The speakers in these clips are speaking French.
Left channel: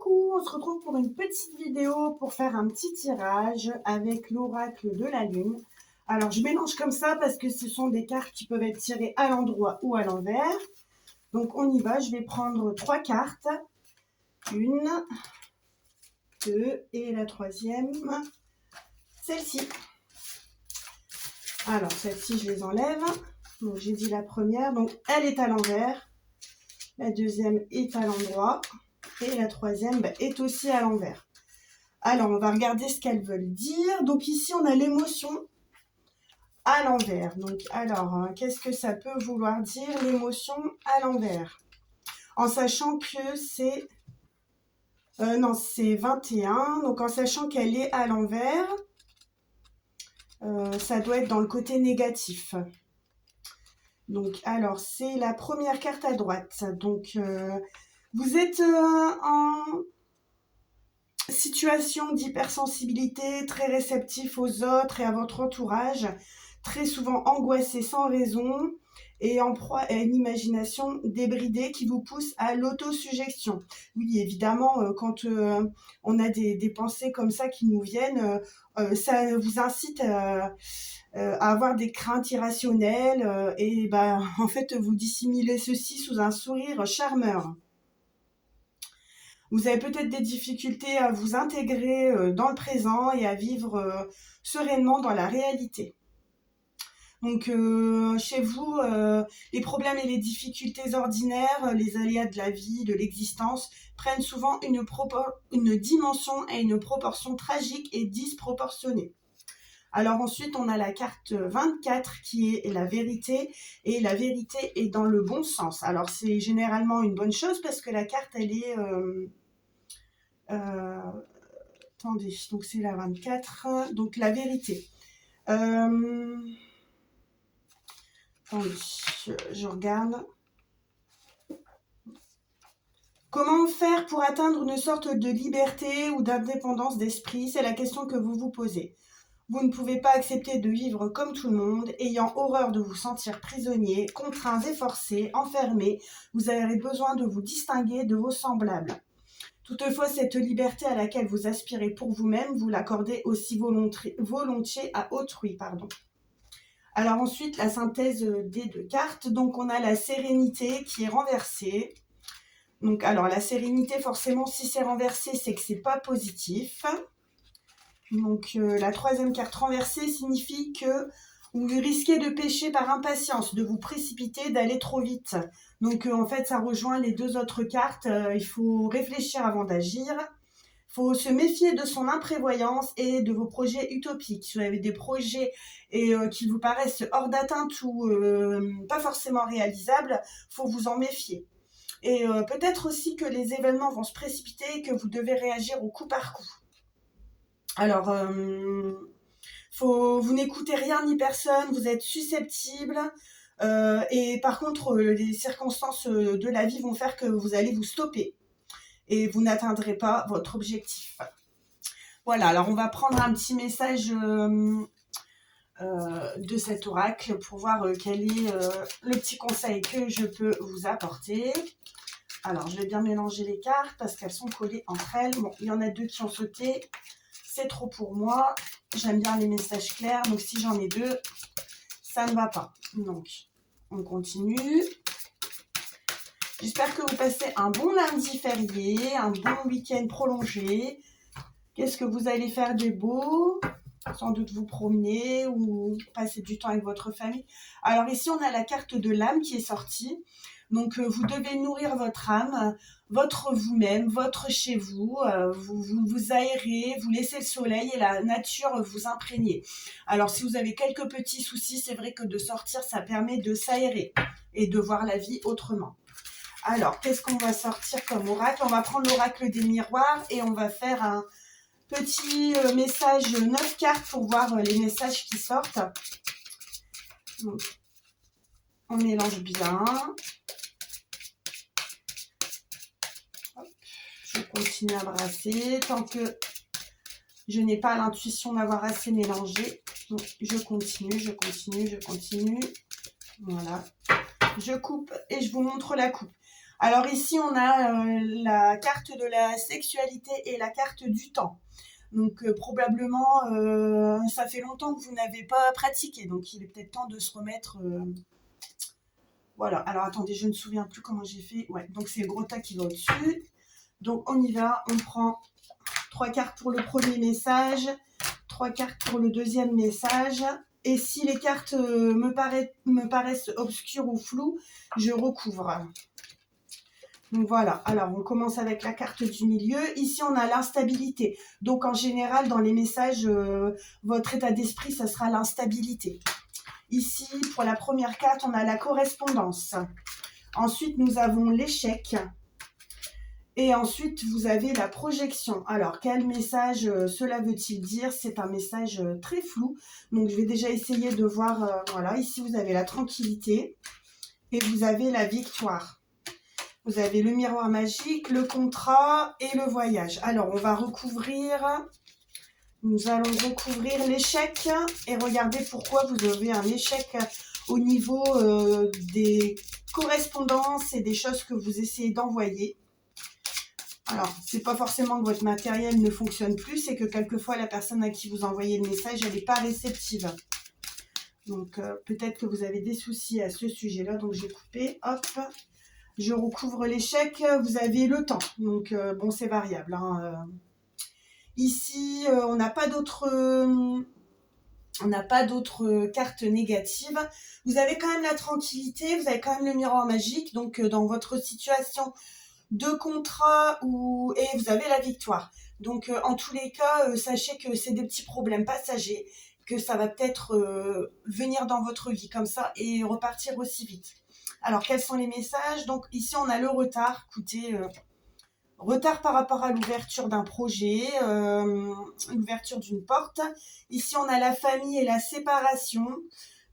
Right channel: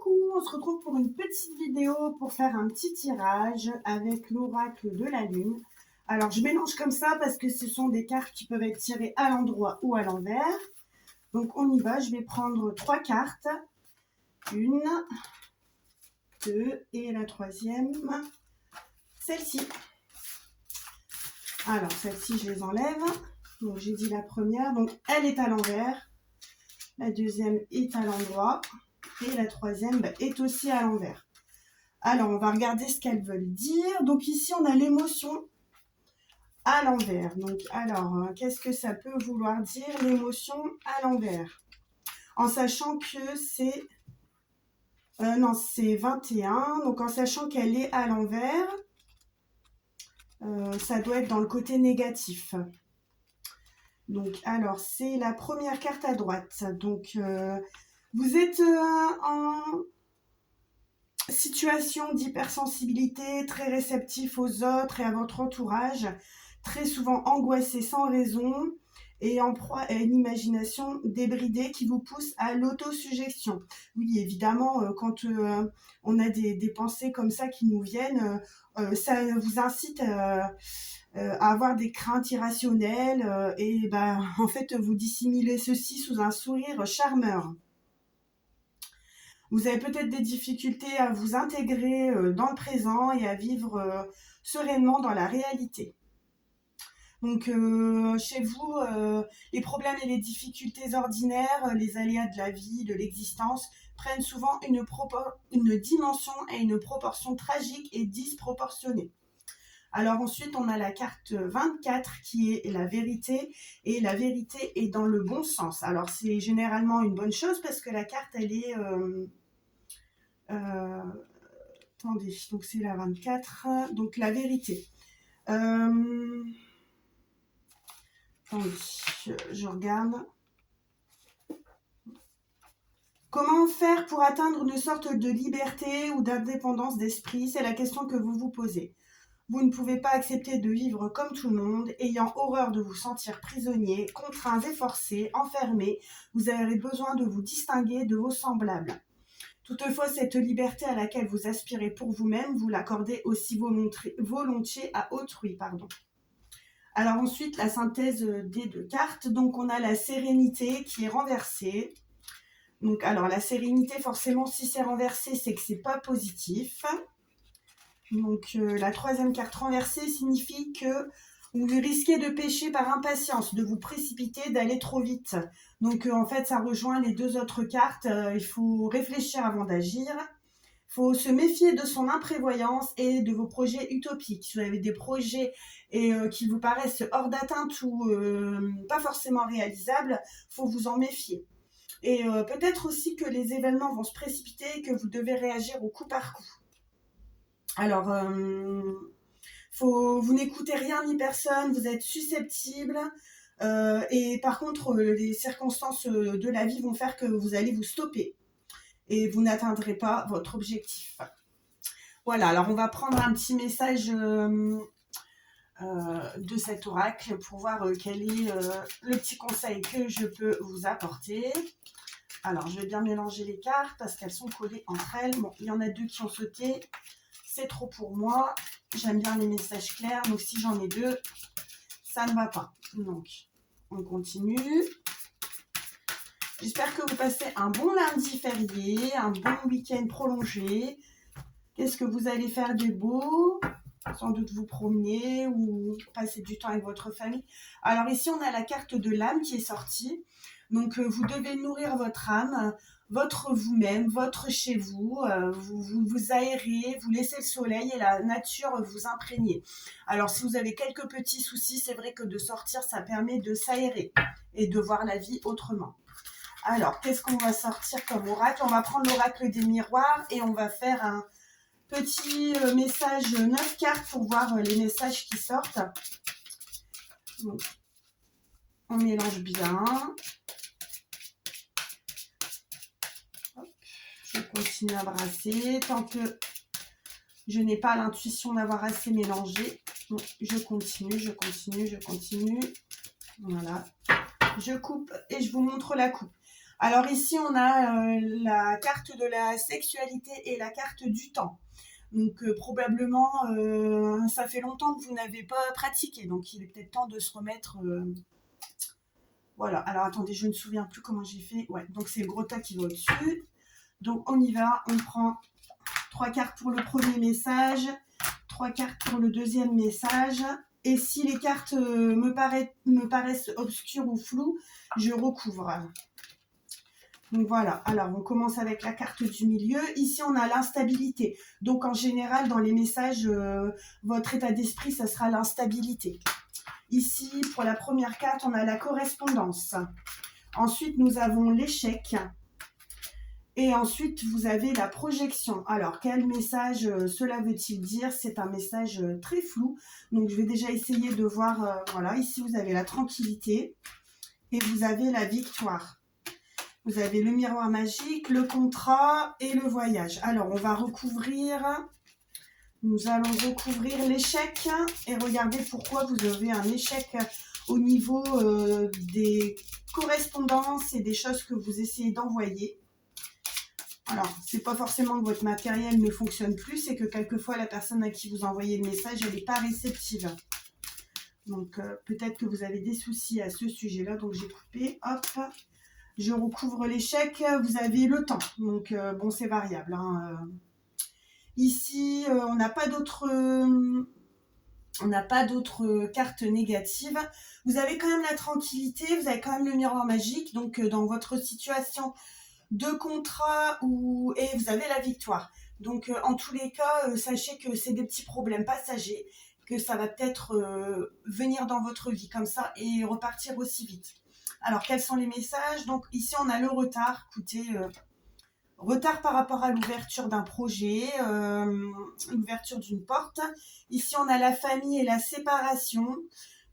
Coucou, on se retrouve pour une petite vidéo pour faire un petit tirage avec l'oracle de la lune. Alors je mélange comme ça parce que ce sont des cartes qui peuvent être tirées à l'endroit ou à l'envers. Donc on y va, je vais prendre 3 cartes. Une, deux et la troisième, celle-ci. Alors celle-ci je les enlève. Donc j'ai dit la première, donc elle est à l'envers. La deuxième est à l'endroit. Et la troisième est aussi à l'envers. Alors, on va regarder ce qu'elles veulent dire. Donc ici, on a l'émotion à l'envers. Donc, alors, qu'est-ce que ça peut vouloir dire, l'émotion à l'envers? En sachant que c'est... non, c'est 21. Donc, en sachant qu'elle est à l'envers, ça doit être dans le côté négatif. Donc, alors, c'est la première carte à droite. Donc, vous êtes en situation d'hypersensibilité, très réceptif aux autres et à votre entourage, très souvent angoissé sans raison et en proie à une imagination débridée qui vous pousse à l'autosuggestion. Oui, évidemment, quand on a des pensées comme ça qui nous viennent, ça vous incite à avoir des craintes irrationnelles et en fait, vous dissimulez ceci sous un sourire charmeur. Vous avez peut-être des difficultés à vous intégrer dans le présent et à vivre sereinement dans la réalité. Donc chez vous, les problèmes et les difficultés ordinaires, les aléas de la vie, de l'existence, prennent souvent une dimension et une proportion tragique et disproportionnée. Alors ensuite, on a la carte 24 qui est la vérité, et la vérité est dans le bon sens. Alors c'est généralement une bonne chose parce que la carte, elle est... attendez, donc c'est la 24, donc la vérité. Attendez, je regarde. Comment faire pour atteindre une sorte de liberté ou d'indépendance d'esprit? C'est la question que vous vous posez. Vous ne pouvez pas accepter de vivre comme tout le monde, ayant horreur de vous sentir prisonnier, contraints et forcés, enfermés. Vous avez besoin de vous distinguer de vos semblables. Toutefois, cette liberté à laquelle vous aspirez pour vous-même, vous l'accordez aussi volontiers à autrui. Alors ensuite, la synthèse des deux cartes. Donc on a la sérénité qui est renversée. Donc alors la sérénité, forcément, si c'est renversé, c'est que c'est pas positif. Donc la troisième carte renversée signifie que vous risquez de pécher par impatience, de vous précipiter, d'aller trop vite. Donc en fait, ça rejoint les deux autres cartes. Il faut réfléchir avant d'agir. Il faut se méfier de son imprévoyance et de vos projets utopiques. Si vous avez des projets qui vous paraissent hors d'atteinte ou pas forcément réalisables, il faut vous en méfier. Et peut-être aussi que les événements vont se précipiter et que vous devez réagir au coup par coup. Alors, vous n'écoutez rien ni personne, vous êtes susceptible. Et par contre, les circonstances de la vie vont faire que vous allez vous stopper. Et vous n'atteindrez pas votre objectif. Voilà, alors on va prendre un petit message de cet oracle pour voir quel est le petit conseil que je peux vous apporter. Alors, je vais bien mélanger les cartes parce qu'elles sont collées entre elles. Bon, il y en a deux qui ont sauté. C'est trop pour moi. J'aime bien les messages clairs. Donc, si j'en ai deux, ça ne va pas. Donc, on continue. J'espère que vous passez un bon lundi férié, un bon week-end prolongé. Qu'est-ce que vous allez faire de beau? Sans doute vous promener ou passer du temps avec votre famille. Alors ici, on a la carte de l'âme qui est sortie. Donc, vous devez nourrir votre âme, votre vous-même, votre chez vous. Vous aérez, vous laissez le soleil et la nature vous imprégner. Alors, si vous avez quelques petits soucis, c'est vrai que de sortir, ça permet de s'aérer et de voir la vie autrement. Alors, qu'est-ce qu'on va sortir comme oracle? On va prendre l'oracle des miroirs et on va faire un petit message 9 cartes pour voir les messages qui sortent. Donc, on mélange bien. Hop, je continue à brasser. Tant que je n'ai pas l'intuition d'avoir assez mélangé, donc je continue. Voilà. Je coupe et je vous montre la coupe. Alors ici, on a la carte de la sexualité et la carte du temps. Donc probablement, ça fait longtemps que vous n'avez pas pratiqué, donc il est peut-être temps de se remettre. Voilà, alors attendez, je ne me souviens plus comment j'ai fait. Ouais, donc c'est le gros tas qui va au-dessus. Donc on y va, on prend 3 cartes pour le premier message, 3 cartes pour le deuxième message. Et si les cartes me paraissent obscures ou floues, je recouvre. Donc voilà, alors on commence avec la carte du milieu. Ici, on a l'instabilité. Donc en général, dans les messages, votre état d'esprit, ça sera l'instabilité. Ici, pour la première carte, on a la correspondance. Ensuite, nous avons l'échec. Et ensuite, vous avez la projection. Alors, quel message cela veut-il dire? C'est un message très flou. Donc, je vais déjà essayer de voir. Voilà, ici, vous avez la tranquillité et vous avez la victoire. Vous avez le miroir magique, le contrat et le voyage. Alors, on va recouvrir. Nous allons recouvrir l'échec et regarder pourquoi vous avez un échec au niveau des correspondances et des choses que vous essayez d'envoyer. Alors, c'est pas forcément que votre matériel ne fonctionne plus, c'est que quelquefois la personne à qui vous envoyez le message, elle n'est pas réceptive. Donc, peut-être que vous avez des soucis à ce sujet-là. Donc, j'ai coupé, hop, je recouvre l'échec. Vous avez le temps. Donc, bon, c'est variable. Hein. Ici, on n'a pas d'autres cartes négatives. Vous avez quand même la tranquillité, vous avez quand même le miroir magique. Donc, dans votre situation de contrat et vous avez la victoire. Donc, en tous les cas, sachez que c'est des petits problèmes passagers, que ça va peut-être venir dans votre vie comme ça et repartir aussi vite. Alors, quels sont les messages? Donc, ici, on a le retard. Écoutez, retard par rapport à l'ouverture d'un projet, l'ouverture d'une porte. Ici, on a la famille et la séparation.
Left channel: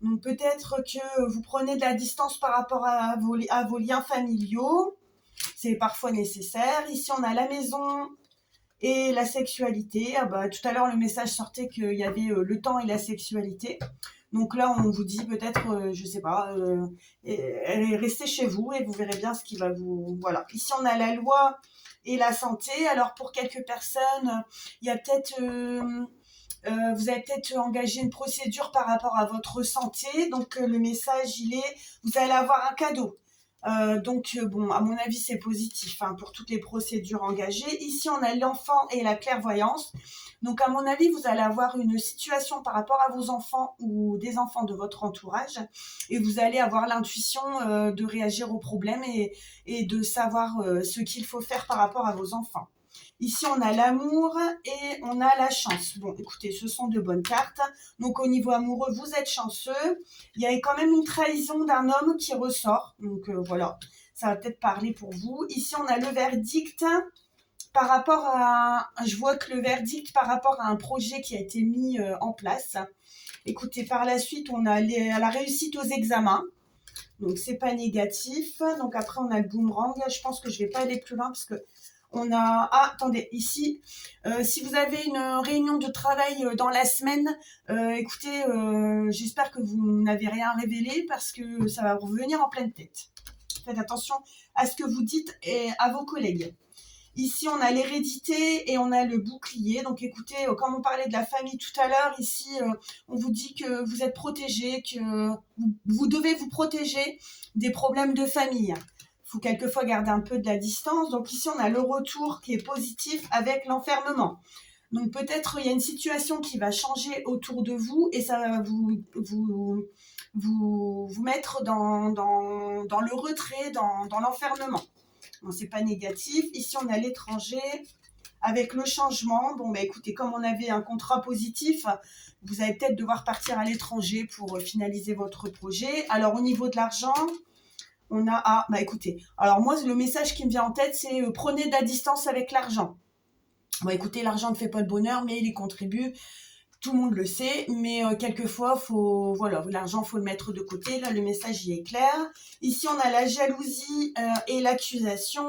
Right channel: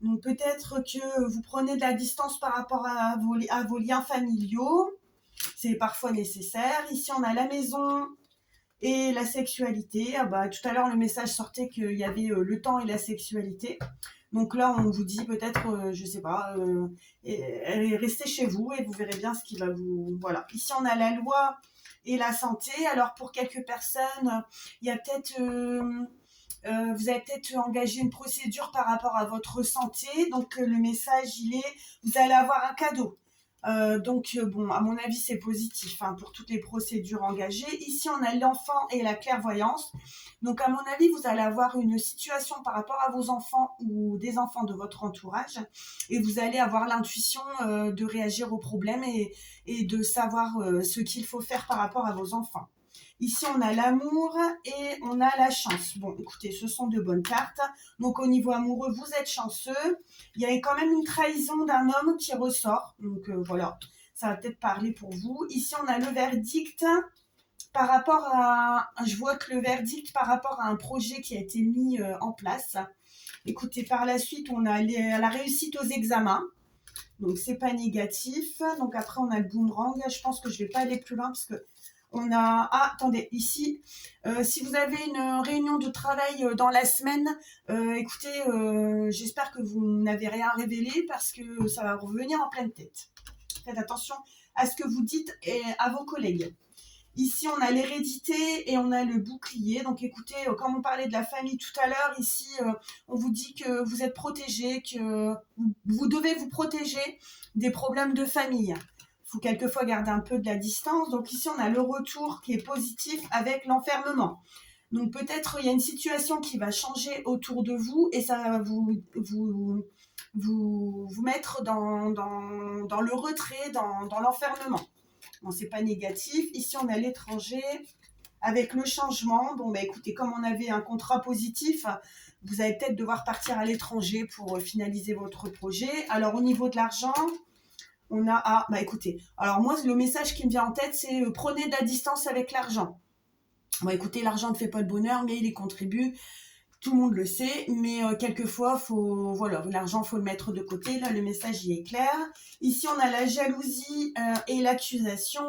Donc, peut-être que vous prenez de la distance par rapport à vos liens familiaux. C'est parfois nécessaire. Ici, on a la maison et la sexualité. Ah bah, tout à l'heure, le message sortait qu'il y avait le temps et la sexualité. Donc là, on vous dit peut-être, je ne sais pas, restez chez vous et vous verrez bien ce qui va vous... Voilà. Ici, on a la loi et la santé. Alors, pour quelques personnes, il y a peut-être... vous avez peut-être engagé une procédure par rapport à votre santé. Donc, le message, il est, vous allez avoir un cadeau. Donc, bon, à mon avis, c'est positif hein, pour toutes les procédures engagées. Ici, on a l'enfant et la clairvoyance. Donc, à mon avis, vous allez avoir une situation par rapport à vos enfants ou des enfants de votre entourage et vous allez avoir l'intuition de réagir aux problèmes et de savoir ce qu'il faut faire par rapport à vos enfants. Ici, on a l'amour et on a la chance. Bon, écoutez, ce sont de bonnes cartes. Donc, au niveau amoureux, vous êtes chanceux. Il y a quand même une trahison d'un homme qui ressort. Donc, voilà, ça va peut-être parler pour vous. Ici, on a le verdict par rapport à... Je vois que le verdict par rapport à un projet qui a été mis en place. Écoutez, par la suite, on a la réussite aux examens. Donc, c'est pas négatif. Donc, après, on a le boomerang. Je pense que je vais pas aller plus loin parce que on a... Ah, attendez, ici, si vous avez une réunion de travail dans la semaine, écoutez, j'espère que vous n'avez rien révélé parce que ça va revenir en pleine tête. Faites attention à ce que vous dites et à vos collègues. Ici, on a l'hérédité et on a le bouclier. Donc, écoutez, comme on parlait de la famille tout à l'heure, ici, on vous dit que vous êtes protégé, que vous devez vous protéger des problèmes de famille. Il faut quelquefois garder un peu de la distance. Donc ici, on a le retour qui est positif avec l'enfermement. Donc peut-être il y a une situation qui va changer autour de vous et ça va vous mettre dans le retrait, dans l'enfermement. Bon, c'est pas négatif. Ici, on a l'étranger avec le changement. Bon, bah écoutez, comme on avait un contrat positif, vous allez peut-être devoir partir à l'étranger pour finaliser votre projet. Alors au niveau de l'argent... On a, ah, bah écoutez, alors moi, le message qui me vient en tête, c'est prenez de la distance avec l'argent. Bon, écoutez, l'argent ne fait pas le bonheur, mais il y contribue. Tout le monde le sait, mais quelquefois, voilà, l'argent, il faut le mettre de côté. Là, le message, il est clair. Ici, on a la jalousie et l'accusation.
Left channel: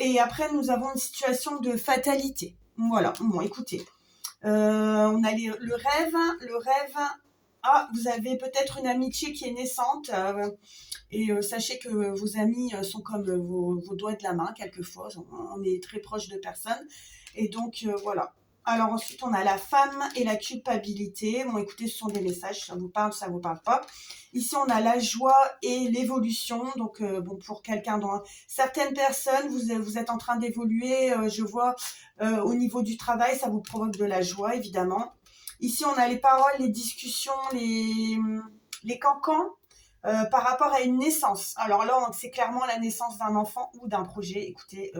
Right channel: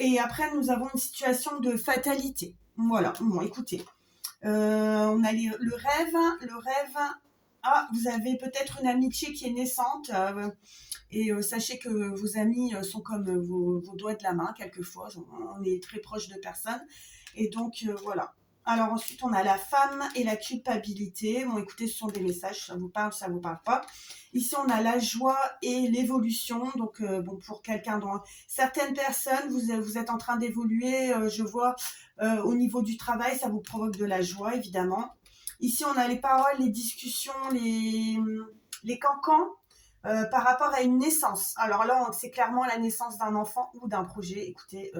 Et après, nous avons une situation de fatalité. Voilà, bon, écoutez. On a le rêve. Ah, vous avez peut-être une amitié qui est naissante. Et sachez que vos amis sont comme vos doigts de la main, quelquefois. On est très proche de personnes. Et donc, voilà. Alors ensuite, on a la femme et la culpabilité. Bon, écoutez, ce sont des messages, ça vous parle pas. Ici, on a la joie et l'évolution. Donc, bon, pour quelqu'un dont certaines personnes, vous êtes en train d'évoluer, je vois, au niveau du travail, ça vous provoque de la joie, évidemment. Ici, on a les paroles, les discussions, les cancans. Par rapport à une naissance. Alors là, c'est clairement la naissance d'un enfant ou d'un projet. Écoutez,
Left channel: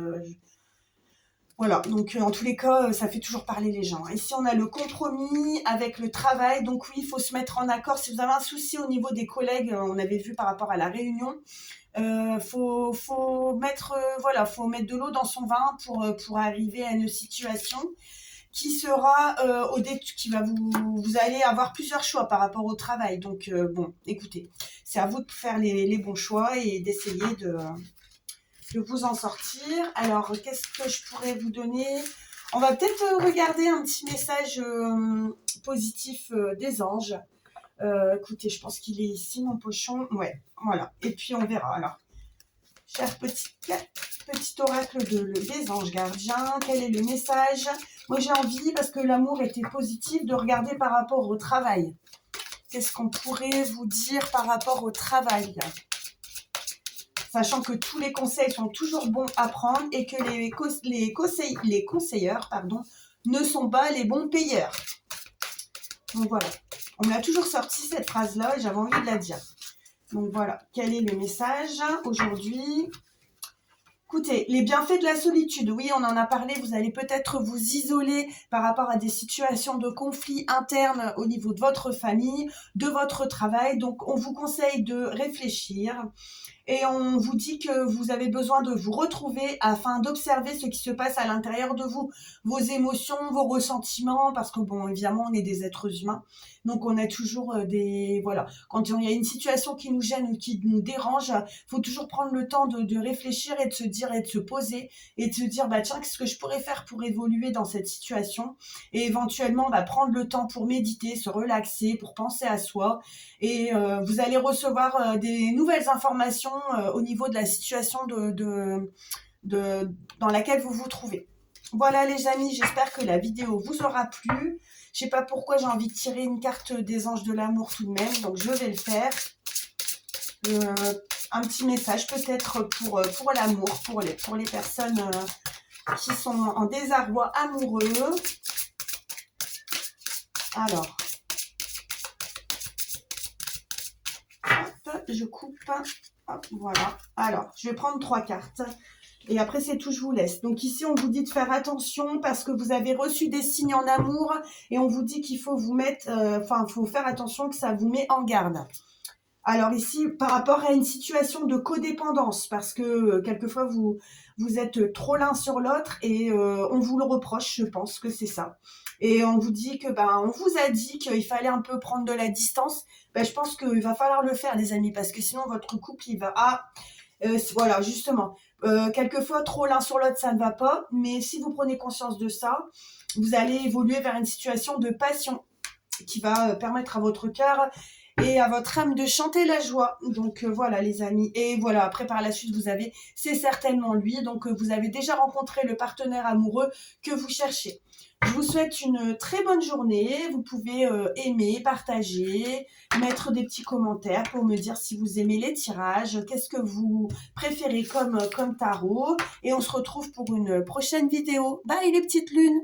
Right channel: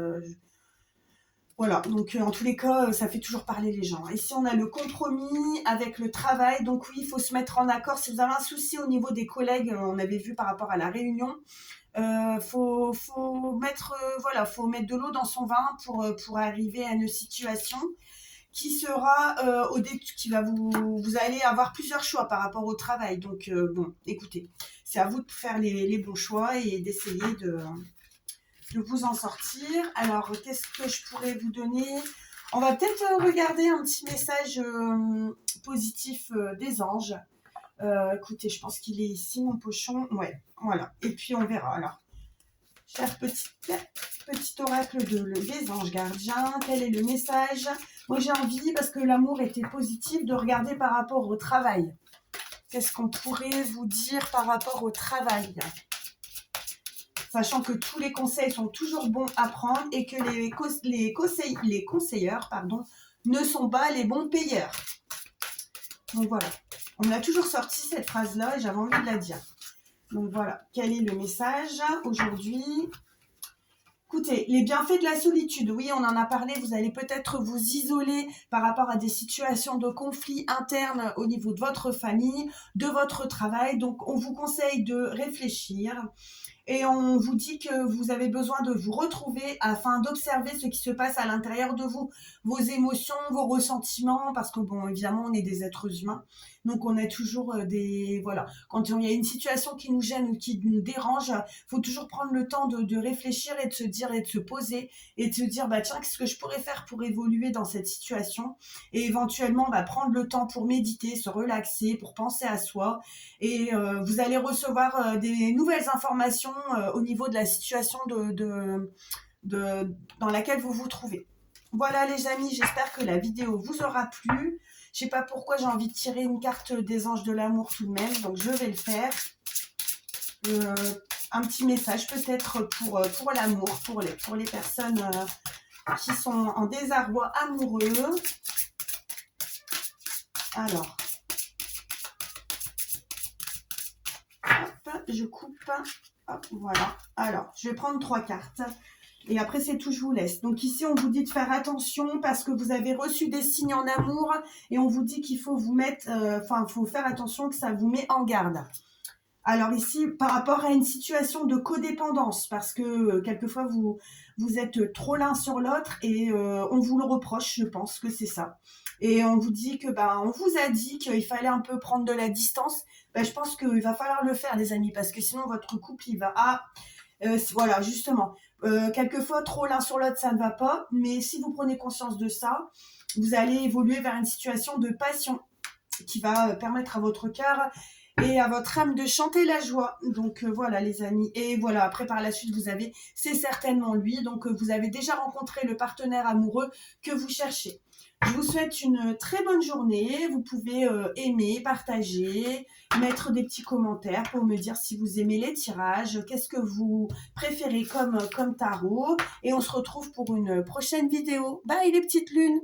voilà, donc en tous les cas, ça fait toujours parler les gens. Ici, on a le compromis avec le travail. Donc oui, il faut se mettre en accord. Si vous avez un souci au niveau des collègues, on avait vu par rapport à la réunion, faut mettre, voilà, faut mettre de l'eau dans son vin pour arriver à une situation qui sera qui va vous allez avoir plusieurs choix par rapport au travail. Donc bon, écoutez, c'est à vous de faire les bons choix et d'essayer de vous en sortir. Alors, qu'est-ce que je pourrais vous donner? On va peut-être regarder un petit message positif des anges. Écoutez, je pense qu'il est ici, mon pochon. Ouais, voilà. Et puis, on verra. Alors, cher petit oracle des anges gardiens, quel est le message? Moi, j'ai envie, parce que l'amour était positif, de regarder par rapport au travail. Qu'est-ce qu'on pourrait vous dire par rapport au travail? Sachant que tous les conseils sont toujours bons à prendre et que les conseilleurs ne sont pas les bons payeurs. Donc voilà, on me l'a toujours sorti cette phrase-là et j'avais envie de la dire. Donc voilà, quel est le message aujourd'hui? Écoutez, les bienfaits de la solitude, oui, on en a parlé, vous allez peut-être vous isoler par rapport à des situations de conflit interne au niveau de votre famille, de votre travail. Donc, on vous conseille de réfléchir et on vous dit que vous avez besoin de vous retrouver afin d'observer ce qui se passe à l'intérieur de vous, vos émotions, vos ressentiments, parce que, bon, évidemment, on est des êtres humains. Donc, on a toujours voilà, quand il y a une situation qui nous gêne ou qui nous dérange, il faut toujours prendre le temps de réfléchir et de se dire et de se poser et de se dire, bah tiens, qu'est-ce que je pourrais faire pour évoluer dans cette situation? Et éventuellement, bah, prendre le temps pour méditer, se relaxer, pour penser à soi. Et vous allez recevoir des nouvelles informations au niveau de la situation dans laquelle vous vous trouvez. Voilà les amis, j'espère que la vidéo vous aura plu. Je ne sais pas pourquoi j'ai envie de tirer une carte des anges de l'amour tout de même, donc je vais le faire. Un petit message peut-être pour l'amour, pour les personnes qui sont en désarroi amoureux. Alors, hop, je coupe. Hop, voilà. Alors, je vais prendre 3 cartes. Et après, c'est tout, je vous laisse. Donc ici, on vous dit de faire attention parce que vous avez reçu des signes en amour et on vous dit qu'il faut vous mettre, faut faire attention que ça vous met en garde. Alors ici, par rapport à une situation de codépendance, parce que quelquefois, vous êtes trop l'un sur l'autre et on vous le reproche, je pense que c'est ça. Et on vous dit que, on vous a dit qu'il fallait un peu prendre de la distance. Je pense qu'il va falloir le faire, les amis, parce que sinon, votre couple, il va... voilà, justement. Quelquefois, trop l'un sur l'autre, ça ne va pas. Mais si vous prenez conscience de ça, vous allez évoluer vers une situation de passion qui va permettre à votre cœur et à votre âme de chanter la joie. Donc voilà les amis. Et voilà, après par la suite, c'est certainement lui. Donc vous avez déjà rencontré le partenaire amoureux que vous cherchez. Je vous souhaite une très bonne journée. Vous pouvez aimer, partager, mettre des petits commentaires pour me dire si vous aimez les tirages, qu'est-ce que vous préférez comme tarot. Et on se retrouve pour une prochaine vidéo. Bye les petites lunes!